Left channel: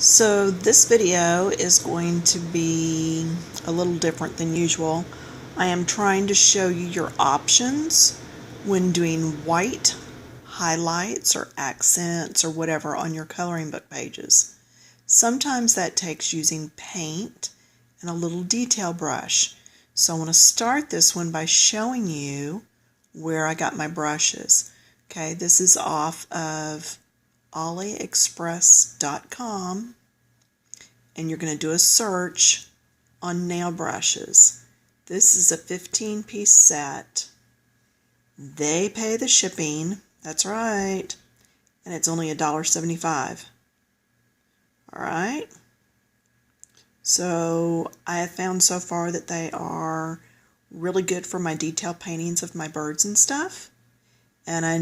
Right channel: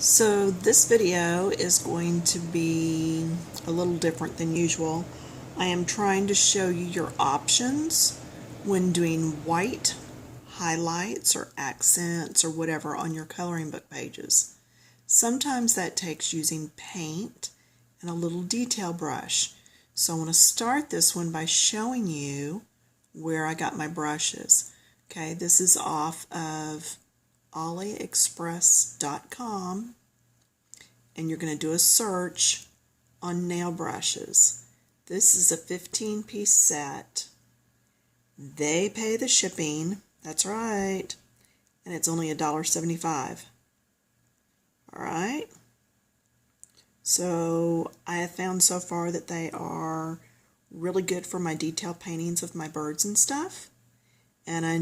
So this video is going to be a little different than usual. I am trying to show you your options when doing white highlights or accents or whatever on your coloring book pages. Sometimes that takes using paint and a little detail brush. So I want to start this one by showing you where I got my brushes. Okay, this is off of AliExpress.com, and you're going to do a search on nail brushes. This is a 15-piece set. They pay the shipping, that's right, and it's only $1.75. Alright, so I have found so far that they are really good for my detail paintings of my birds and stuff. And I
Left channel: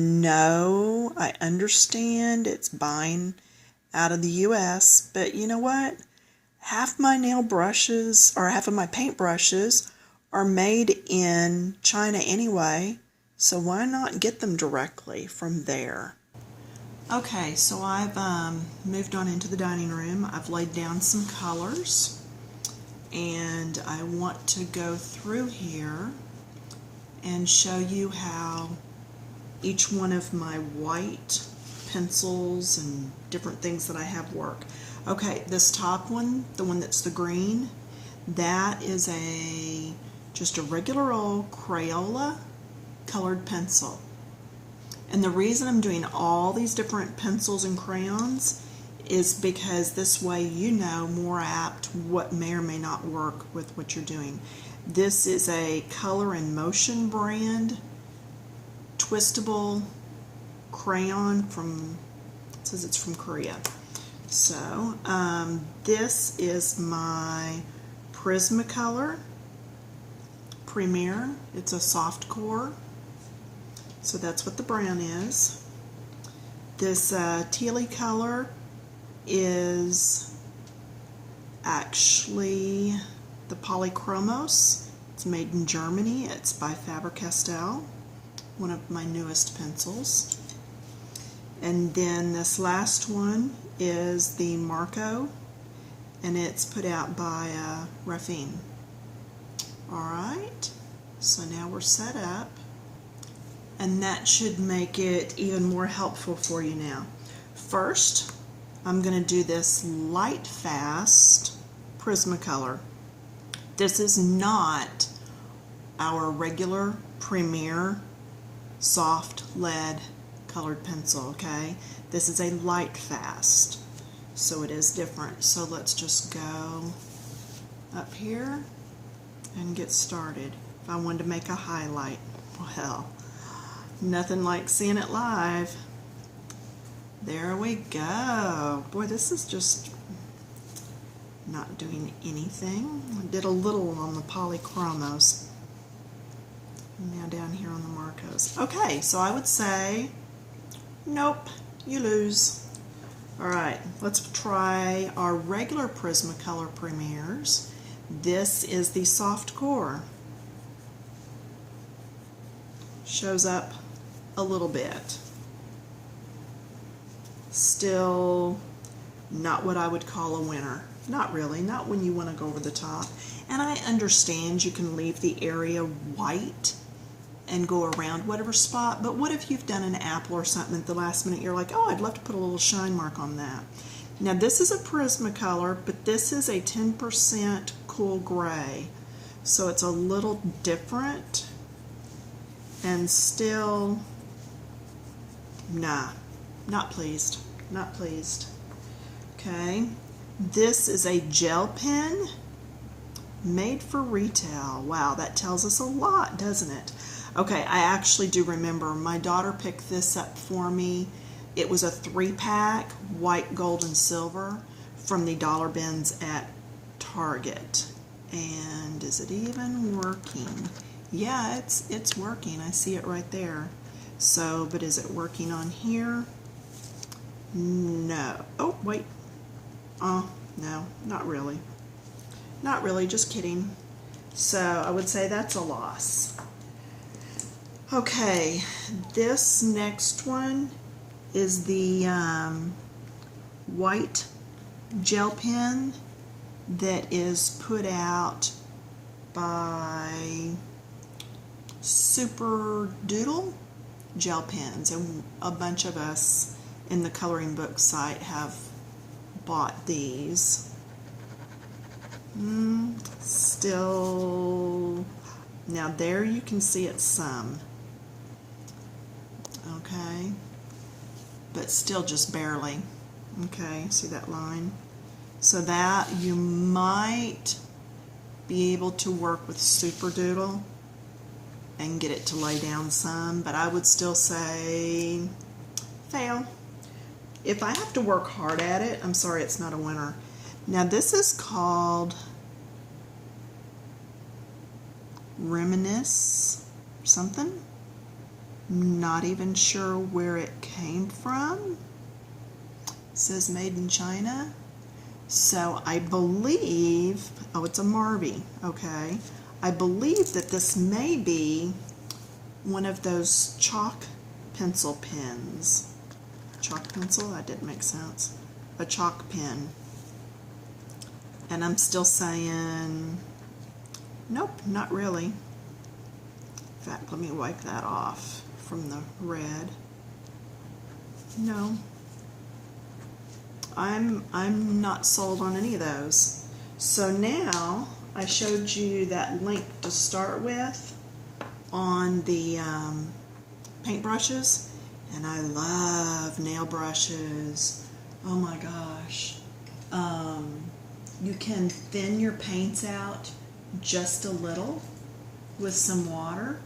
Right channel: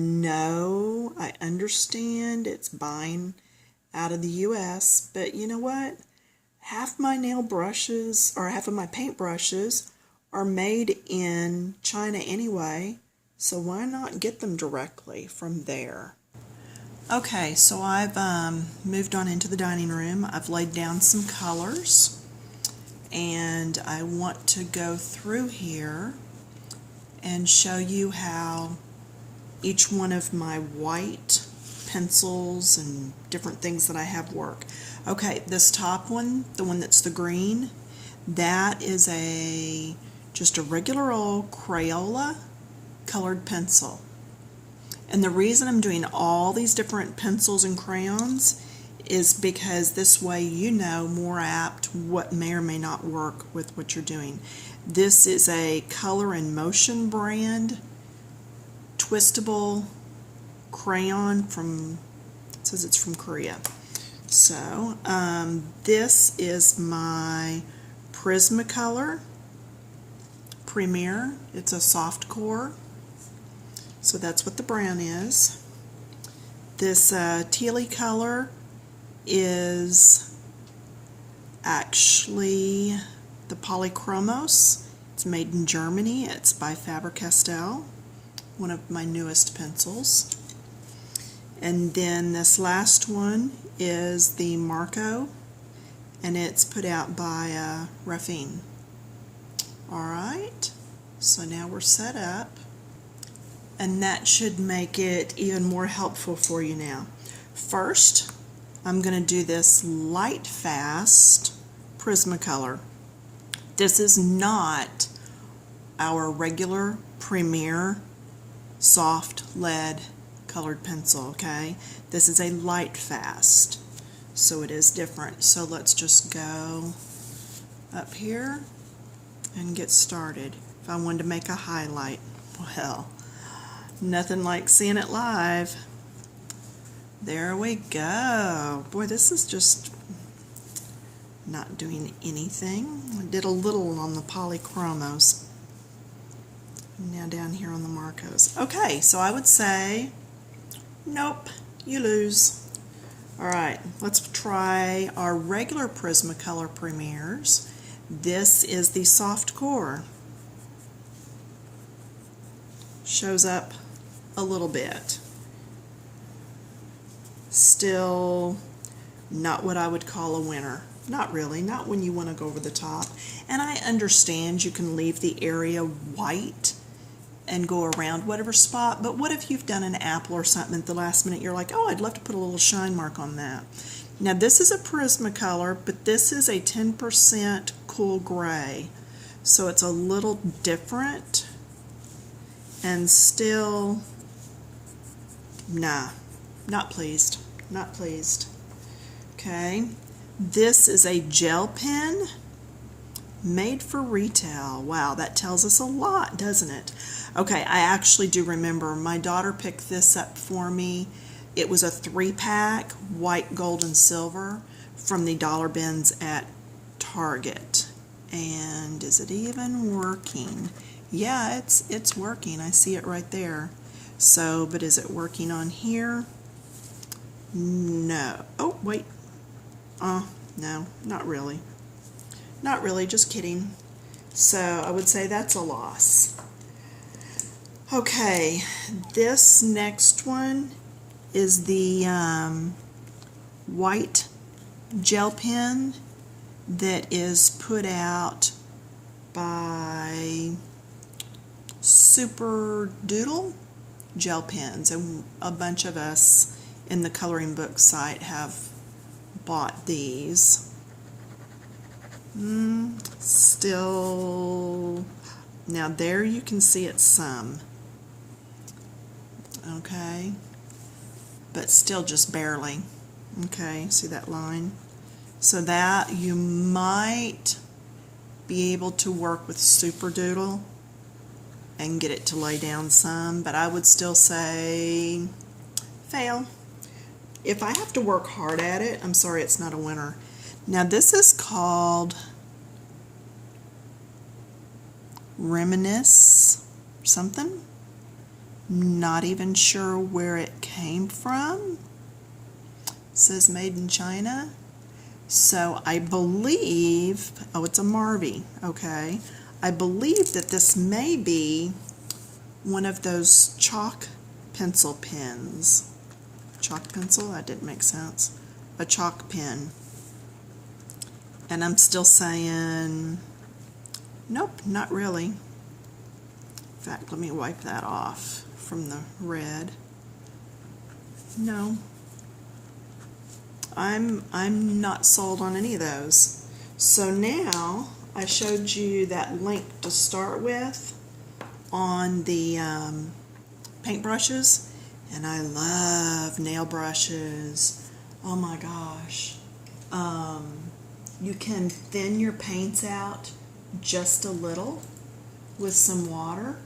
understand it's buying out of the US, but you know what? Half my nail brushes, or half of my paint brushes, are made in China anyway, so why not get them directly from there? Okay, so I've moved on into the dining room. I've laid down some colors, and I want to go through here and show you how each one of my white pencils and different things that I have work. Okay, this top one, the one that's the green, that is just a regular old Crayola colored pencil. And the reason I'm doing all these different pencils and crayons is because this way you know more apt what may or may not work with what you're doing. This is a Color and Motion brand twistable crayon from, it says it's from Korea. So this is my Prismacolor Premier. It's a soft core, so that's what the brown is. This tealy color is actually the Polychromos. It's made in Germany. It's by Faber-Castell, one of my newest pencils. And then this last one is the Marco, and it's put out by Ruffin. Alright, so now we're set up, and that should make it even more helpful for you now. First, I'm going to do this Light Fast Prismacolor. This is not our regular Premier soft lead colored pencil, okay? This is a Light Fast, so it is different. So let's just go up here and get started. If I wanted to make a highlight, well, nothing like seeing it live. There we go. Boy, this is just not doing anything. I did a little on the Polychromos. Now down here on the Marcos. Okay, so I would say, nope, you lose. Alright, let's try our regular Prismacolor Premiers. This is the soft core. Shows up a little bit. Still not what I would call a winner. Not really, not when you want to go over the top. And I understand you can leave the area white and go around whatever spot, but what if you've done an apple or something at the last minute, you're like, oh, I'd love to put a little shine mark on that. Now this is a Prismacolor, but this is a 10% cool gray, so it's a little different, and still, nah, not pleased, not pleased. Okay, this is a gel pen made for retail. Wow, that tells us a lot, doesn't it? Okay, I actually do remember my daughter picked this up for me. It was a 3-pack, white, gold, and silver, from the dollar bins at Target. And is it even working? Yeah, it's working. I see it right there. So, but is it working on here? No. Oh, wait. No, not really. Not really, just kidding. So I would say that's a loss. Okay, this next one is the white gel pen that is put out by Super Doodle gel pens, and a bunch of us in the coloring book site have bought these. Still, now there you can see it some, okay, but still just barely. Okay, see that line? So that you might be able to work with Super Doodle and get it to lay down some, but I would still say fail. If I have to work hard at it, I'm sorry, it's not a winner. Now this is called Reminisce something. Not even sure where it came from. It says made in China. So I believe, oh, it's a Marvy, okay. I believe that this may be one of those chalk pencil pens. Chalk pencil? That didn't make sense. A chalk pen. And I'm still saying, nope, not really. In fact, let me wipe that off from the red. No. I'm not sold on any of those. So now I showed you that link to start with on the paintbrushes, and I love nail brushes. Oh my gosh. You can thin your paints out just a little with some water,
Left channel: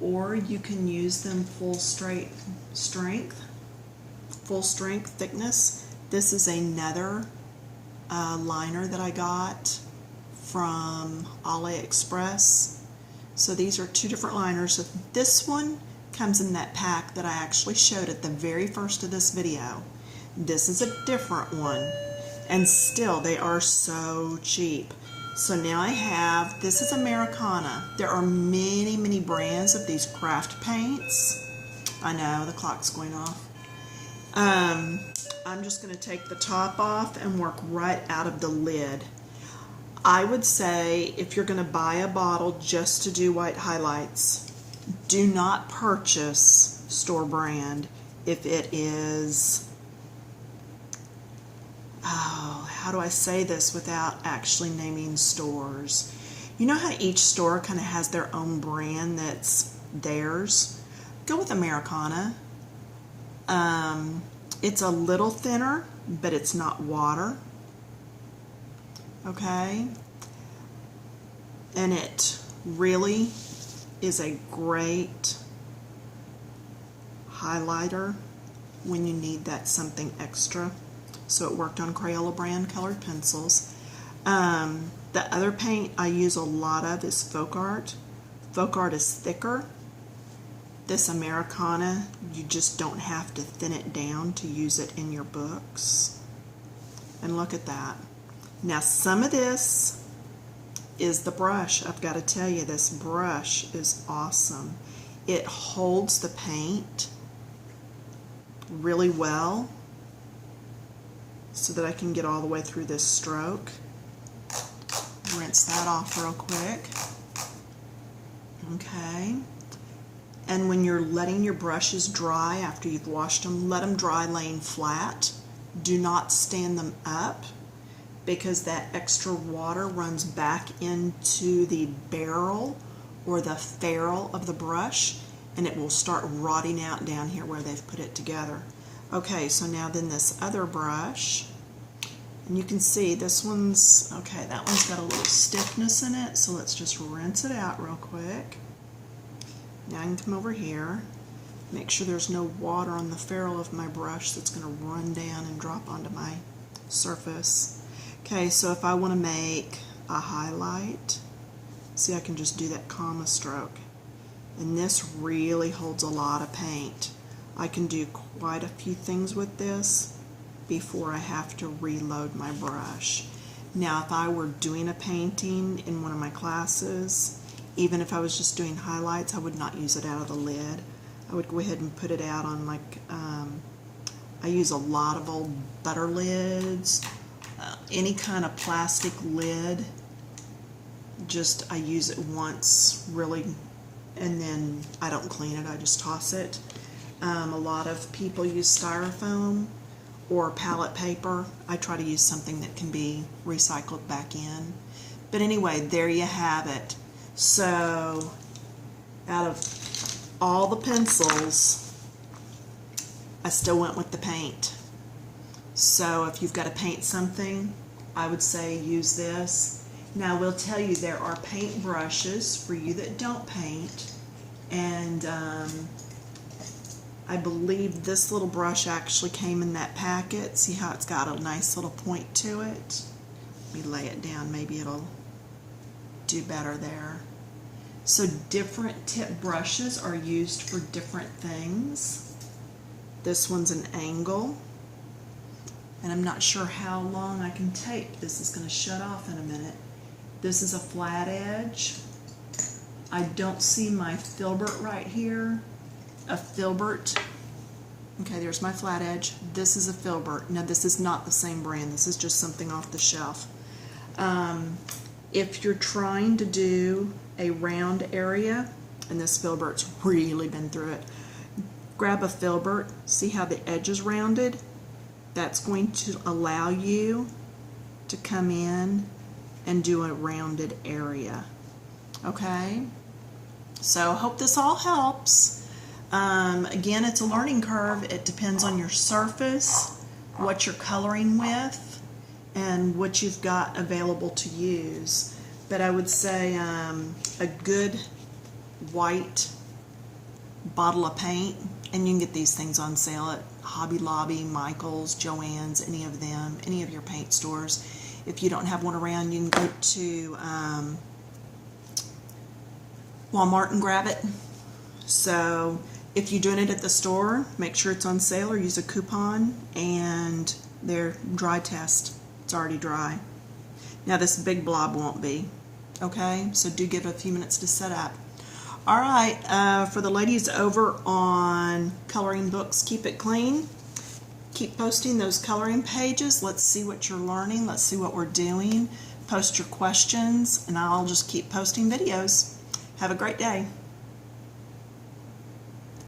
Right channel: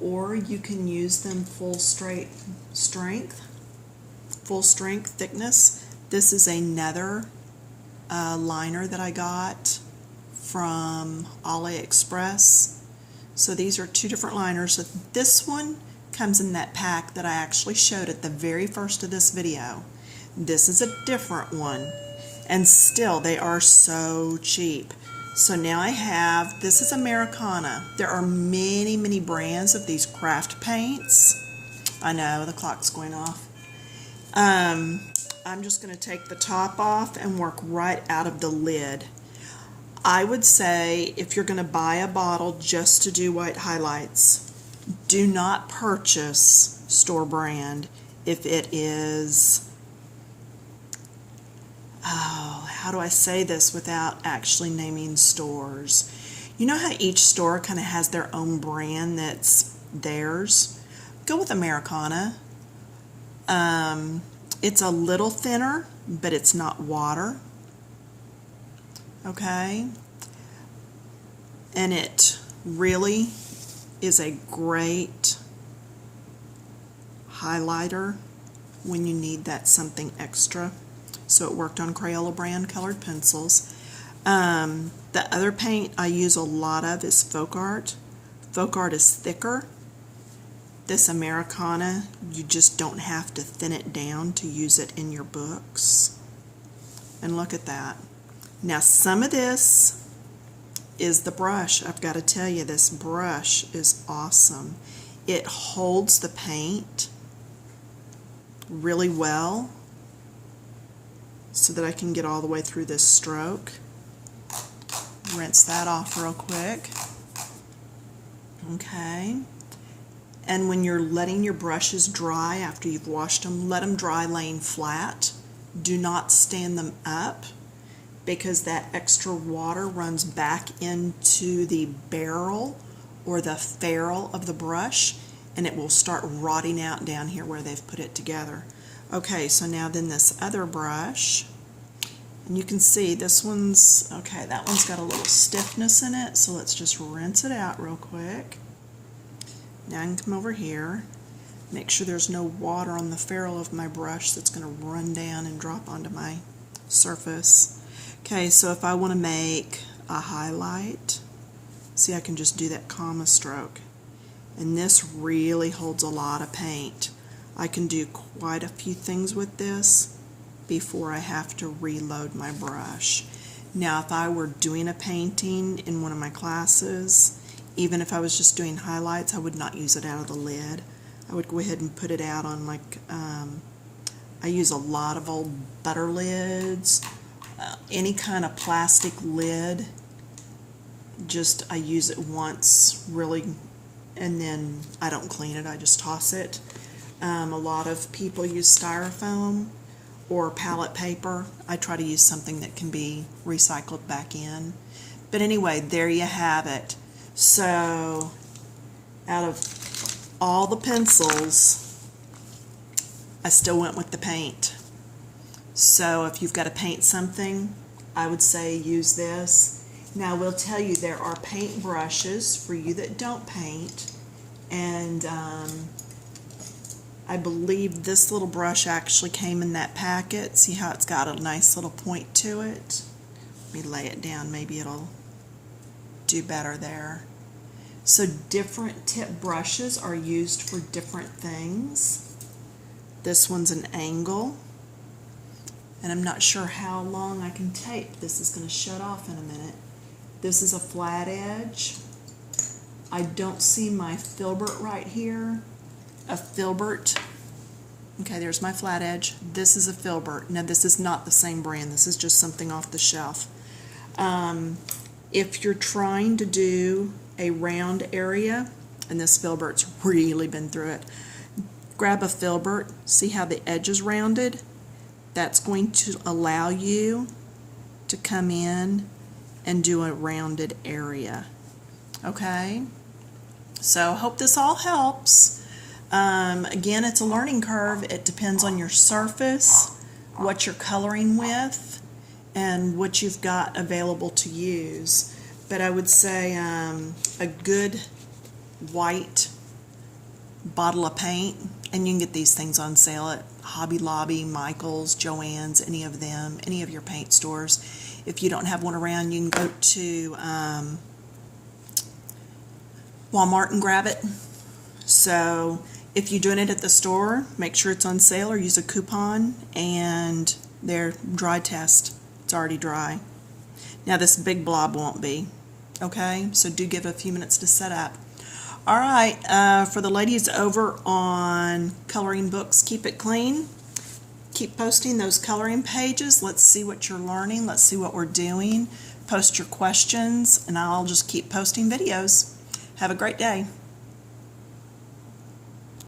or you can use them full strength thickness. This is another liner that I got from AliExpress. So these are two different liners. So this one comes in that pack that I actually showed at the very first of this video. This is a different one, and still they are so cheap. So now I have, this is Americana. There are many, many brands of these craft paints. I know, the clock's going off. I'm just going to take the top off and work right out of the lid. I would say if you're going to buy a bottle just to do white highlights, do not purchase store brand if it is, oh, how do I say this without actually naming stores? You know how each store kind of has their own brand that's theirs? Go with Americana. It's a little thinner, but it's not water. Okay? And it really is a great highlighter when you need that something extra. So it worked on Crayola brand colored pencils. The other paint I use a lot of is Folk Art. Folk Art is thicker. This Americana, you just don't have to thin it down to use it in your books. And look at that. Now some of this is the brush. I've got to tell you, this brush is awesome. It holds the paint really well so that I can get all the way through this stroke. Rinse that off real quick. Okay. And when you're letting your brushes dry after you've washed them, let them dry laying flat. Do not stand them up, because that extra water runs back into the barrel or the ferrule of the brush, and it will start rotting out down here where they've put it together. Okay, so now then this other brush, and you can see this one's, okay, that one's got a little stiffness in it, so let's just rinse it out real quick. Now I can come over here, make sure there's no water on the ferrule of my brush that's going to run down and drop onto my surface. Okay, so if I want to make a highlight, see, I can just do that comma stroke. And this really holds a lot of paint. I can do quite a few things with this before I have to reload my brush. Now, if I were doing a painting in one of my classes, even if I was just doing highlights, I would not use it out of the lid. I would go ahead and put it out on, like, I use a lot of old butter lids, any kind of plastic lid, just I use it once really, and then I don't clean it, I just toss it. A lot of people use styrofoam or palette paper. I try to use something that can be recycled back in. But anyway, there you have it. So out of all the pencils, I still went with the paint. So if you've got to paint something, I would say use this. Now I will tell you there are paint brushes for you that don't paint, and I believe this little brush actually came in that packet. See how it's got a nice little point to it? Let me lay it down, maybe it'll do better there. So different tip brushes are used for different things. This one's an angle, and I'm not sure how long I can tape. This is going to shut off in a minute. This is a flat edge. I don't see my filbert right here. A filbert. Okay, there's my flat edge. This is a filbert. Now this is not the same brand. This is just something off the shelf. If you're trying to do a round area, and this filbert's really been through it, grab a filbert. See how the edge is rounded? That's going to allow you to come in and do a rounded area. Okay? So I hope this all helps. Again, it's a learning curve. It depends on your surface, what you're coloring with, and what you've got available to use. But I would say a good white bottle of paint, and you can get these things on sale at Hobby Lobby, Michael's, Joann's, any of them, any of your paint stores. If you don't have one around, you can go to Walmart and grab it. So if you're doing it at the store, make sure it's on sale or use a coupon, and their dry test. It's already dry. Now this big blob won't be. Okay, so do give it a few minutes to set up. All right, for the ladies over on Coloring Books Keep It Clean, keep posting those coloring pages. Let's see what you're learning. Let's see what we're doing. Post your questions, and I'll just keep posting videos. Have a great day.